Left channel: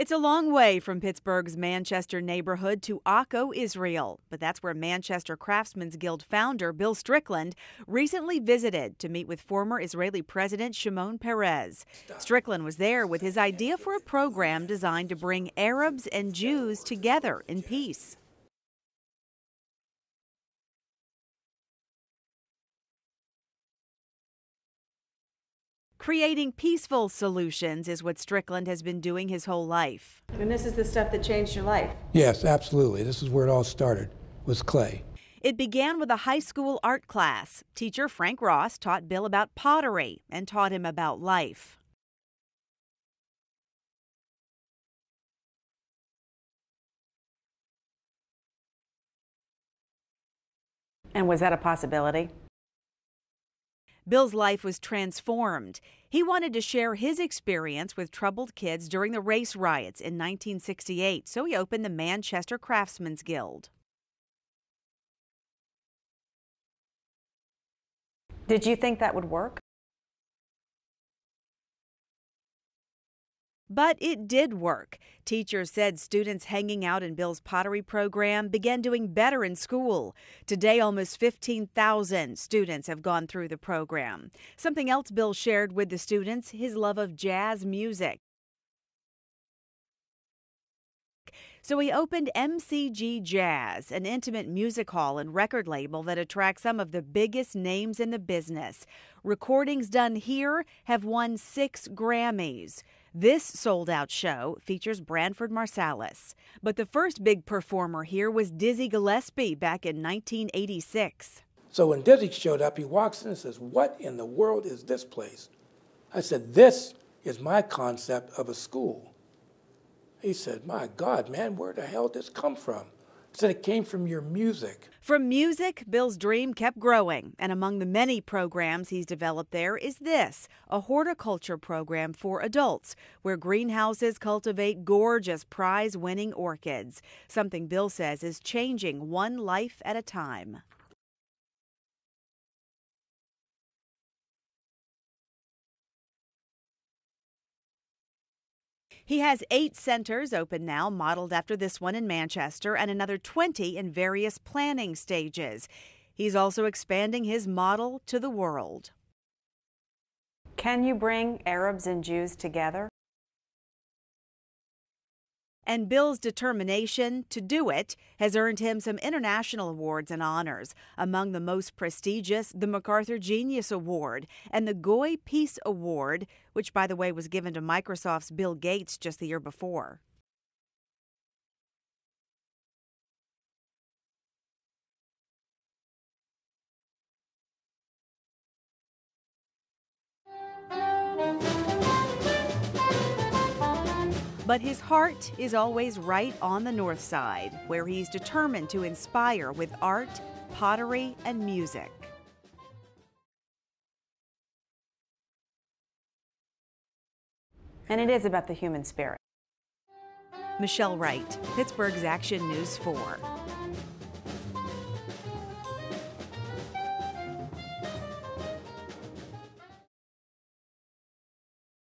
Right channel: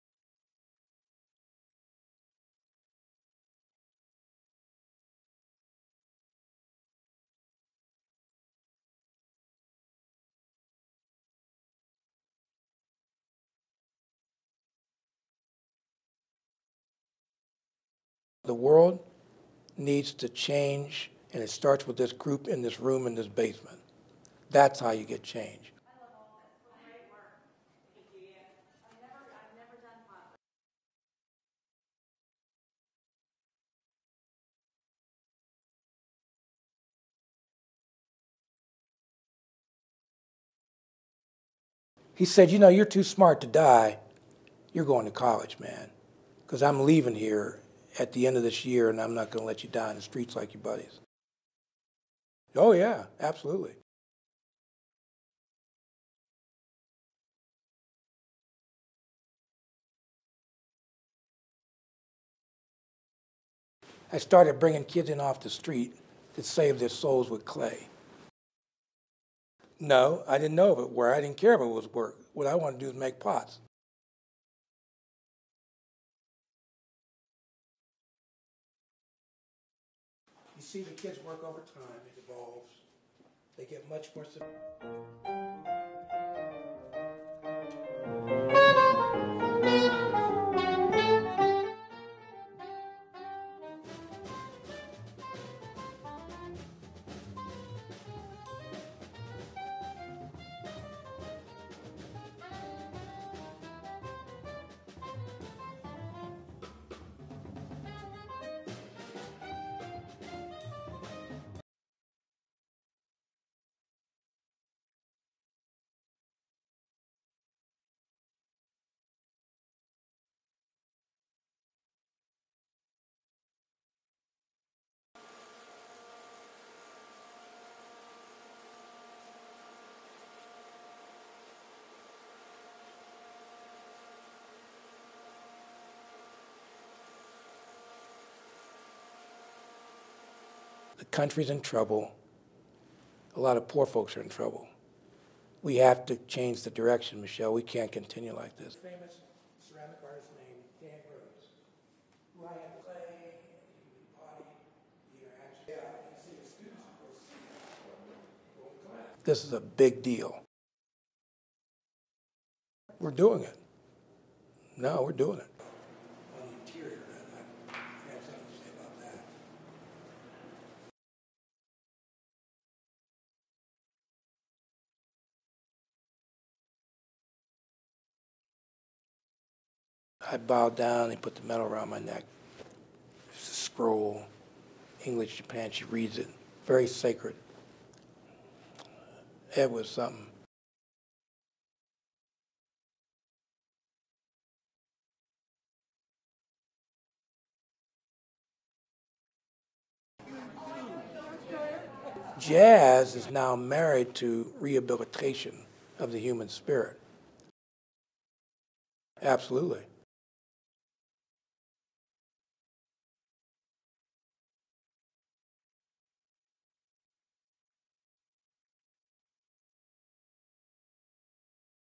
It's a long way from Pittsburgh's Manchester neighborhood to Akko, Israel, but that's where Manchester Craftsmen's Guild founder Bill Strickland recently visited to meet with former Israeli President Shimon Peres. Strickland was there with his idea for a program designed to bring Arabs and Jews together in peace. The world needs to change, and it starts with this group in this room in this basement. That's how you get change. Creating peaceful solutions is what Strickland has been doing his whole life. And this is the stuff that changed your life? Yes, absolutely. This is where it all started, was clay. It began with a high school art class. Teacher Frank Ross taught Bill about pottery and taught him about life. He said, you know, you're too smart to die. You're going to college, man, because I'm leaving here at the end of this year, and I'm not going to let you die in the streets like your buddies. And was that a possibility? Oh, yeah, absolutely. Bill's life was transformed. He wanted to share his experience with troubled kids during the race riots in 1968, so he opened the Manchester Craftsmen's Guild. I started bringing kids in off the street to save their souls with clay. Did you think that would work? No, I didn't know if it worked. I didn't care if it was work. What I wanted to do is make pots. But it did work. Teachers said students hanging out in Bill's pottery program began doing better in school. Today, almost 15,000 students have gone through the program. Something else Bill shared with the students, his love of jazz music. So he opened MCG Jazz, an intimate music hall and record label that attracts some of the biggest names in the business. Recordings done here have won 6 Grammys. This sold-out show features Branford Marsalis. But the first big performer here was Dizzy Gillespie back in 1986. So when Dizzy showed up, he walks in and says, "What in the world is this place?" I said, "This is my concept of a school." He said, "My God, man, where the hell did this come from?" I said, "It came from your music." From music, Bill's dream kept growing, and among the many programs he's developed there is this, a horticulture program for adults, where greenhouses cultivate gorgeous prize-winning orchids, something Bill says is changing one life at a time. The country's in trouble. A lot of poor folks are in trouble. We have to change the direction, Michelle. We can't continue like this. He has 8 centers open now, modeled after this one in Manchester, and another 20 in various planning stages. He's also expanding his model to the world. This is a big deal. Can you bring Arabs and Jews together? We're doing it. No, we're doing it. And Bill's determination to do it has earned him some international awards and honors. Among the most prestigious, the MacArthur Genius Award and the Goy Peace Award, which, by the way, was given to Microsoft's Bill Gates just the year before. I bowed down and put the medal around my neck. It's a scroll, English, Japan, she reads it. Very sacred. It was something. But his heart is always right on the north side, where he's determined to inspire with art, pottery, and music. Jazz is now married to rehabilitation of the human spirit. And it is about the human spirit. Absolutely. Michelle Wright, Pittsburgh's Action News 4.